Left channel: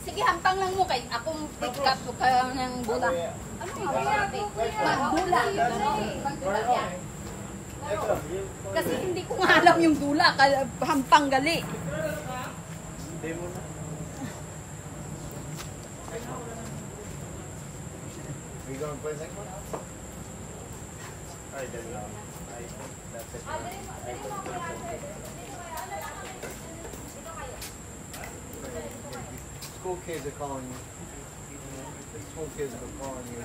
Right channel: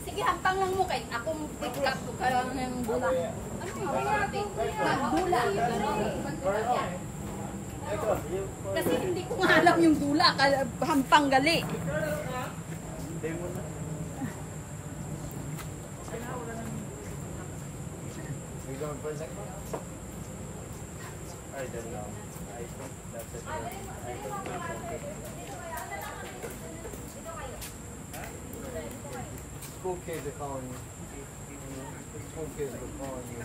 Sige, hampang lang mo kay akong pick-up ko ka ng bula. Ano nga ba? Magdula. Magdula niya. Kasi hindi ko nga alam yung dula. Hampang gali. We going to play next one? I didn't know. School kids are calling you. School kids are calling you.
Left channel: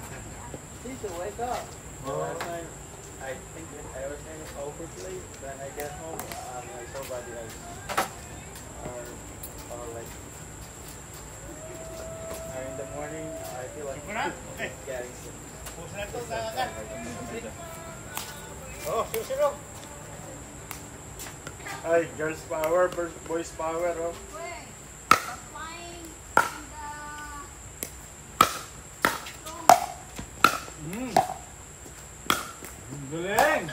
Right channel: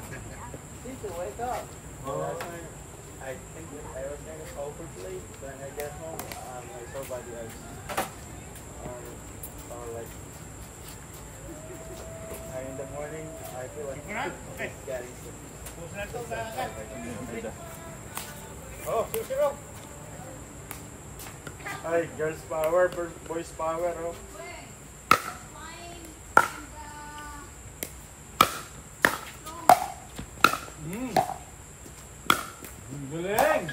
Teacher, wake up. Well, last night, I was going to sleep, then I get home, somebody else. In the morning, I feel like... Okay. Oh, susunod. Ay, girls power, boys power, oh. Galing!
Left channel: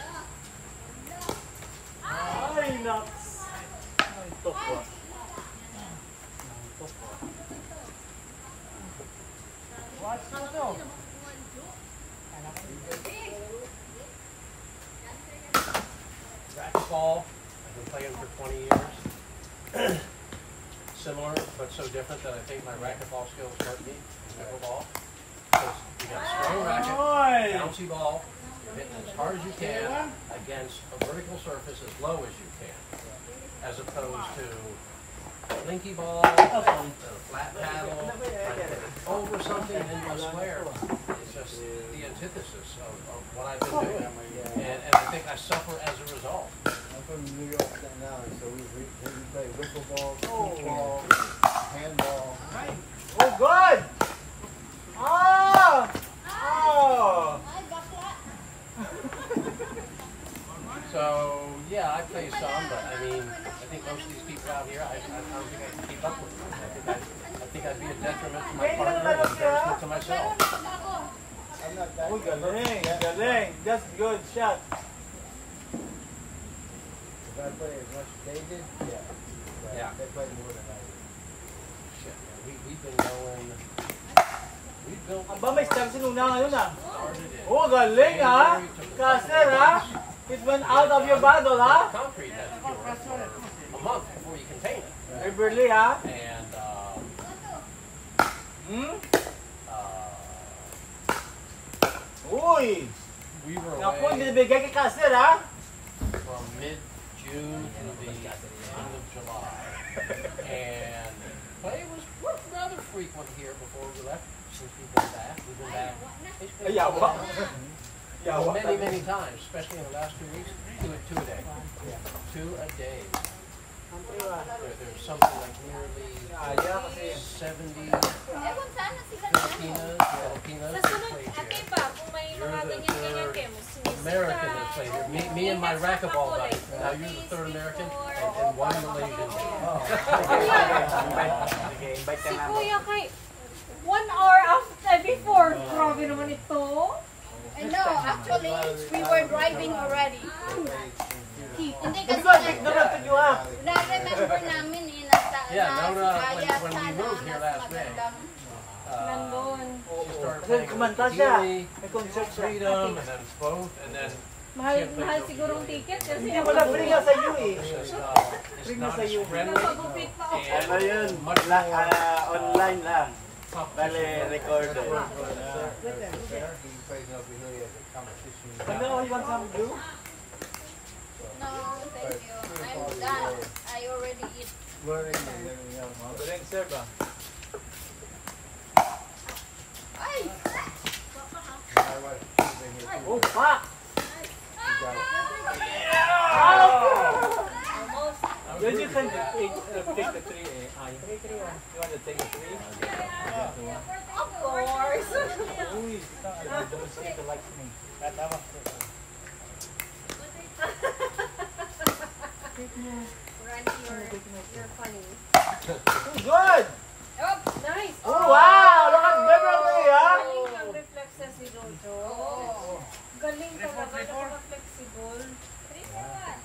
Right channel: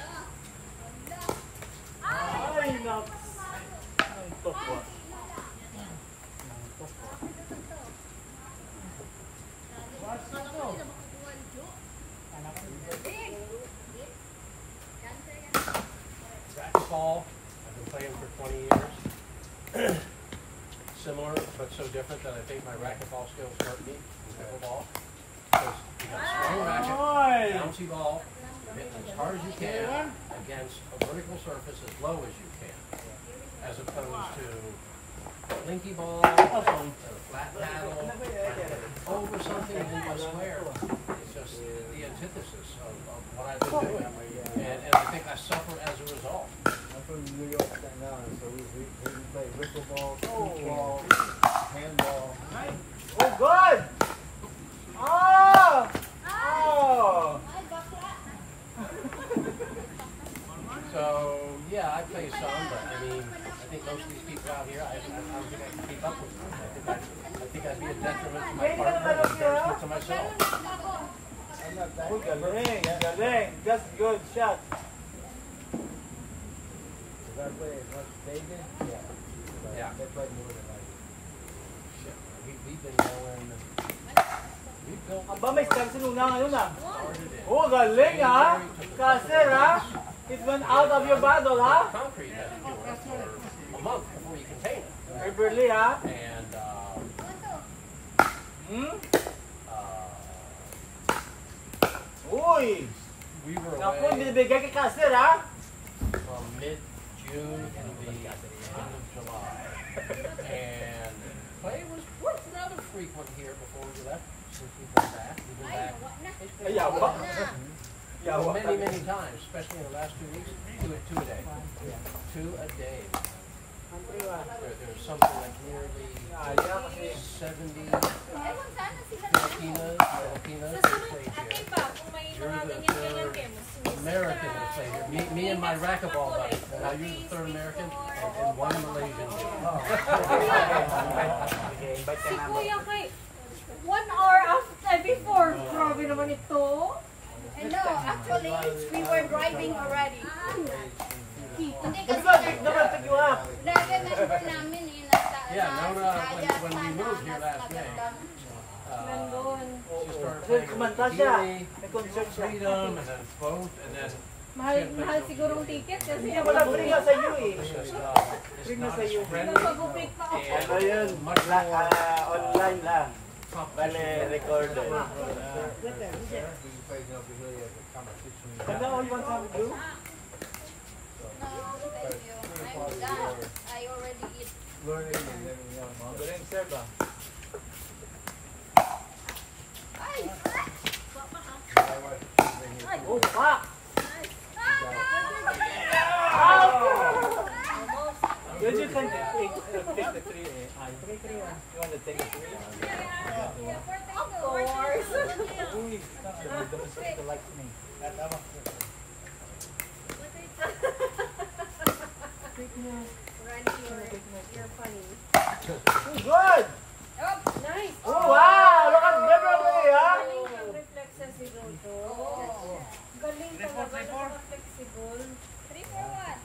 Ay, nuts! Basketball, I've been playing for 20 years. Similar, but so different that I think my racquetball skills hurt me in pickleball. Because you got a strong racket, bouncy ball, hit as hard as you can against a vertical surface as low as you can, as opposed to linky ball, or flat paddle, over something into a square. It's just the antithesis of what I've been doing, and I think I suffer as a result. I'm from New York now, so we play rippleball, kickball, handball. Oh, good! Oh! Oh! So, yeah, I play some, but I mean, I think most of these people out here, I don't think I can keep up with them. I think I'd be a detriment to my partner and embarrassment to myself. I'm not that Oh, galing, galing. That's good shot. If I play as much as they did, Yeah. they played more than I did. We've been going, we've built Aba, may stance nung ano na. Oh, galing ha. Caster ha. It went out of your bottle ha. concrete has to be worked for a month before you contain it. Really ha. And, Hmm? Uy! we were Naku, away binibigay kay Caster ha. from mid-June to the end of July. And play was rather frequent here before we left, since we've been back. We've been back basically many times, especially in the last 2 weeks. Two a day. 2 a day. There's something like nearly 70 Filipinas that play here. American that play here. Me and my racquetball guy. Now you're the third American and one Malaysian. Si Kuya kay 1 hour after before. Grabe naman ito. I know, actually, we were driving already. Hindi kasi, na-remember namin eh, Yeah, when we moved here last May, she started playing Kumanta with siya. Healy, May concert siya. Freedom, and then both, and then Mahal siguro ang ticket kasi Hindi mo na bring sa iyo eh. it's Bring not sa as iyo. friendly, pag-upik na ako. and much more Online lang. competition. record. He plays over here as a competition. Ano ang ibang sabi do? no, thank you. I'm done. I already eat. Learning and everything else. Galing sir ba? Ay! My wife, she's been here too. Oh, fuck! Then you can take the tree. You want to take the tree? Of course. Uy, don't like me. Tatawa ko. You're funny. Good! Nice. Oh, wow! Look at Beverly, ha? Galing yung reflexes si Jojo. Galing talaga. Flexible. 3-4-1.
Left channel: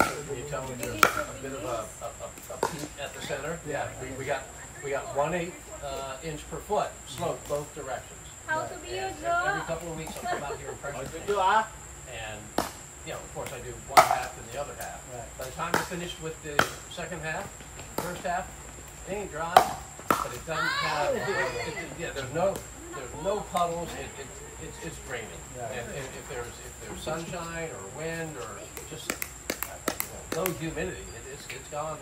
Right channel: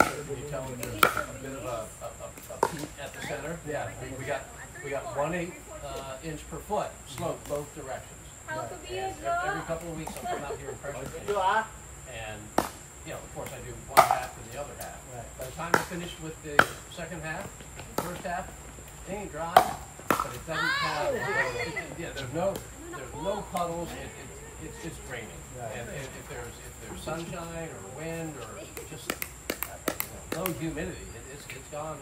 Can you tell me a bit of a At the center, yeah, we got 1/8 inch per foot slope both directions. How to be And a every couple of weeks I come out here and pressure Ito change. ah. And, you know, of course I do one half and the other half. By the time I finished with the second half, first half, it ain't dry, but it doesn't have, yeah, there's no puddles, it's raining. And if there's sunshine or wind or just no humidity, it's gone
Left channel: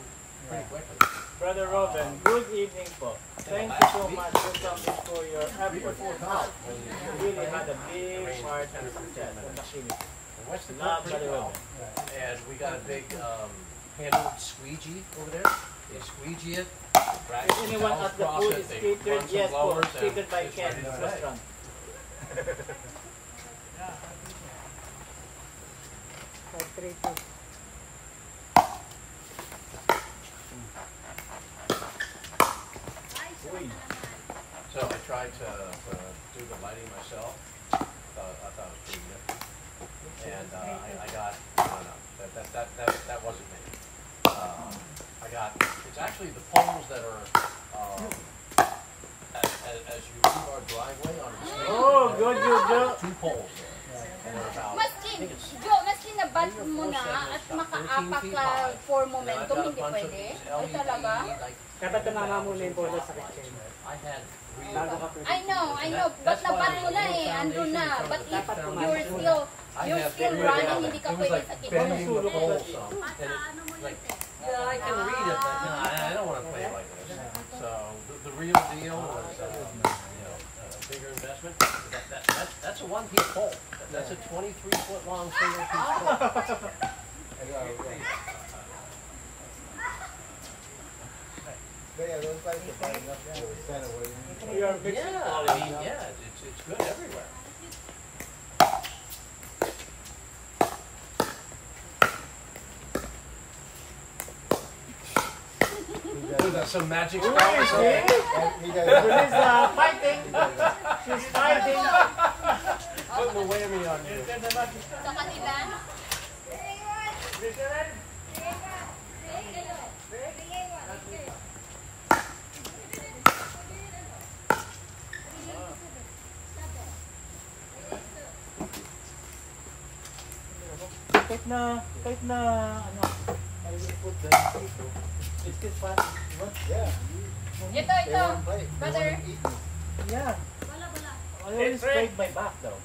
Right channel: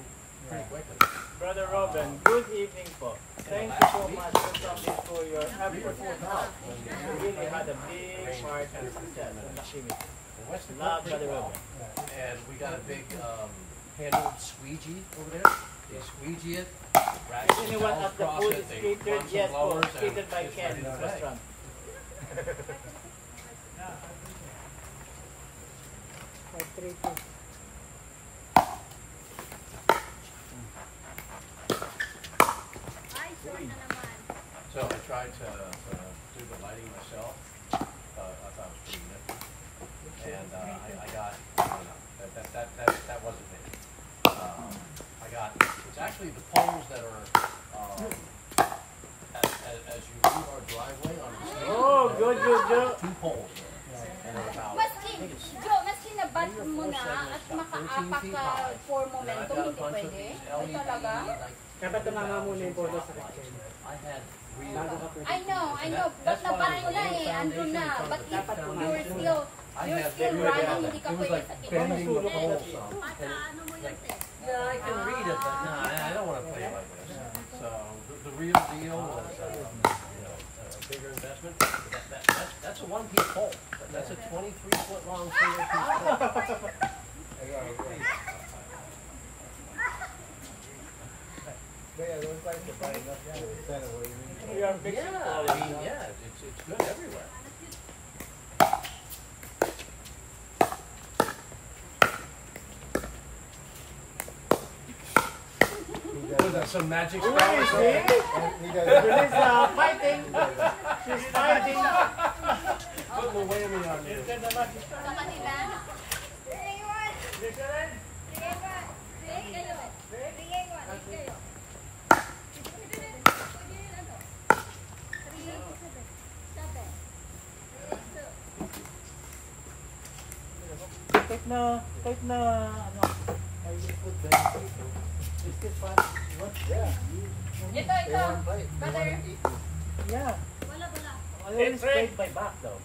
pretty quickly. Brother Robin, good evening po. Thank you so much for coming to your afternoon talk. You really had a big part to success in the community. And West the Not pretty very well. well. And we got a big handled squeegee over there. They squeegee it, drag If the anyone shells at the across food it, is they catered, run some yes po, blowers, and catered by it's Ken ready to play. Restaurant. So I tried to do the lighting myself. I thought it was pretty nifty. And I got, no, that wasn't me. I got, it's actually the poles that are, as you leave our driveway on the street. Oh, good. 2 poles there. And they're about, Maskin, Joe, maskin na bat mo na at makaapak ka for momentum, hindi pwede. Ay talaga? Dapat tumama muna yung bola sa kitchen. I had real, Bago ka pwede. I know. Ba't nabat mo na eh, andun na. But if Dapat pumasok you're still running, hindi ka pwede sa kitchen. bending the pole some. Like, yeah, I can read it, but no, I don't want to play like this. So the real deal was, a bigger investment. That's a 1-piece pole. That's a 23-foot long single-piece pole. Yeah, those lights are lighting up there with center waving. We are fixing Yeah, I mean, yeah, it's good everywhere. Was that some magic spell? He got Release fighting. She's fighting. Put the whammy on you. Instead of that, Sa kanila, listen. Kahit na, ano, I will put the it's still fast. What? Yeah. ito, brother. Yeah. I always straight my back though.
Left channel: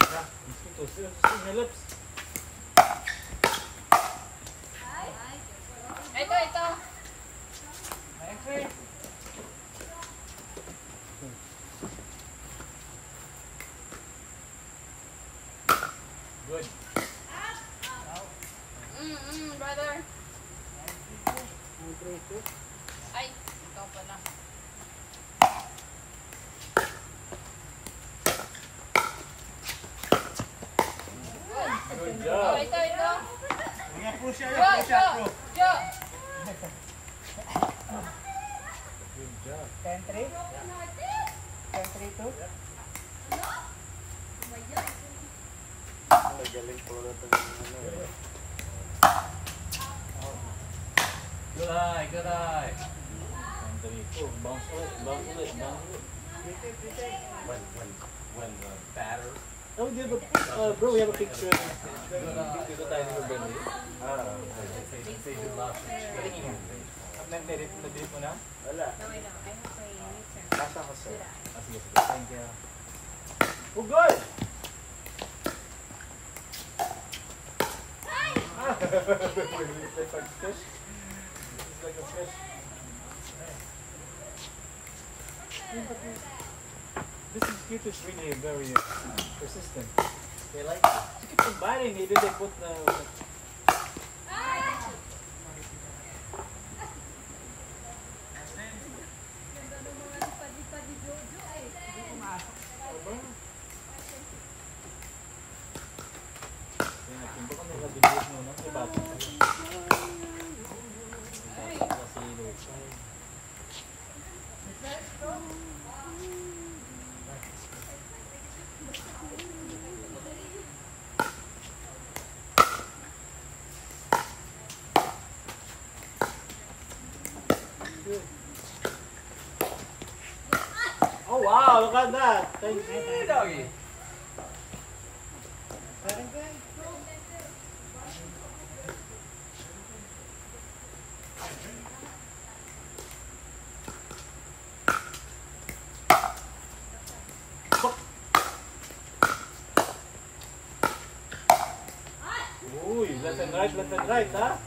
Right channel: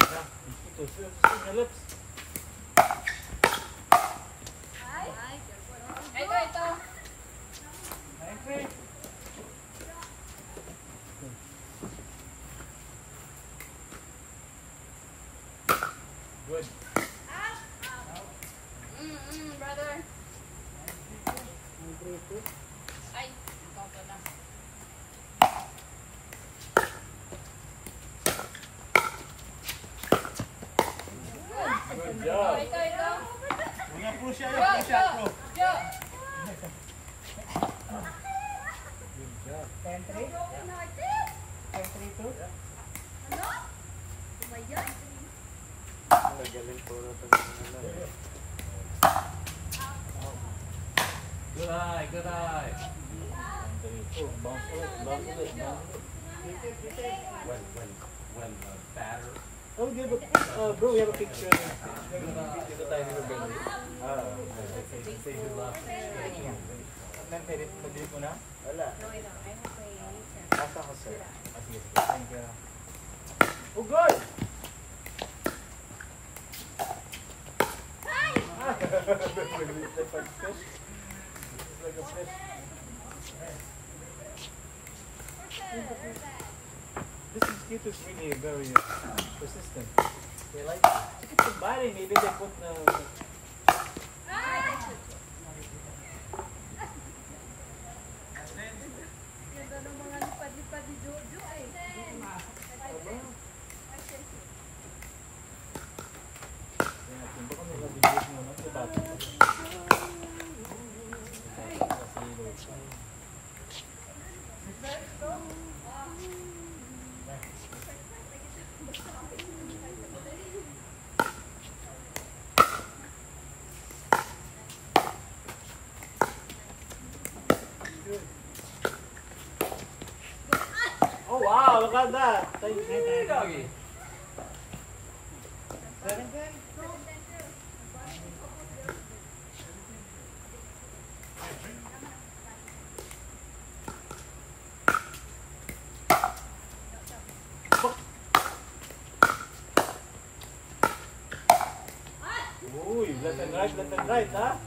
Yeah, mosquitoes. See my lips. Ito. Okay. Good. Brother. Ay, ikaw pala. Good job. Ito. Mga pro siya, Joe. pro siya, pro. Joe. Good job. Country? Country too? Good eye, good eye. When the batter. Oh, we have a, bro, we have a picture. They do lots of skating. Na-delete mo na? Wala. Asa ko sir. Thank you. Oh, good! Like a fish. This mosquito is really very persistent. They like it. They keep biting me, then they put Bad na. Doggy. Uy, left and right, ha?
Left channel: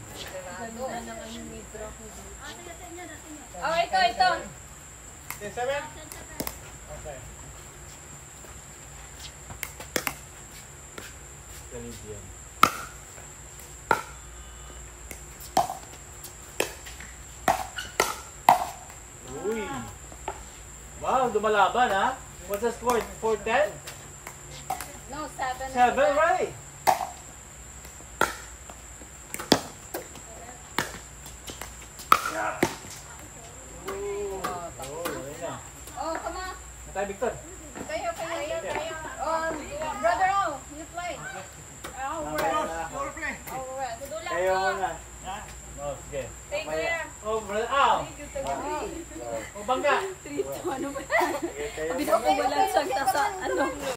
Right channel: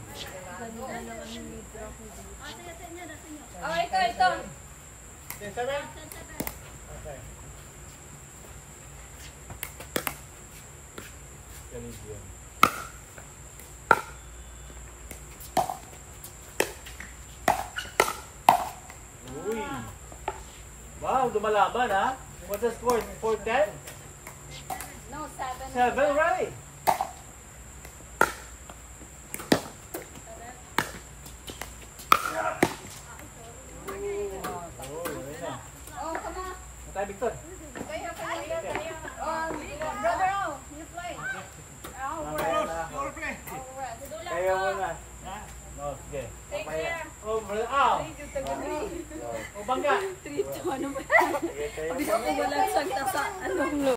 Oh, ito. 10-7? Okay. Canadian. Uy. Wow, lumalaban, ha? What's the score? 4-10? No, 7. 7, right? Oh, come on. Tayo, Victor. Kayo. Oh, brother, you play. Kayo muna. No, sige. Oh, brother. Oh, bangga. 3-2, ano ba yan? Sabi ko walang santa sa anong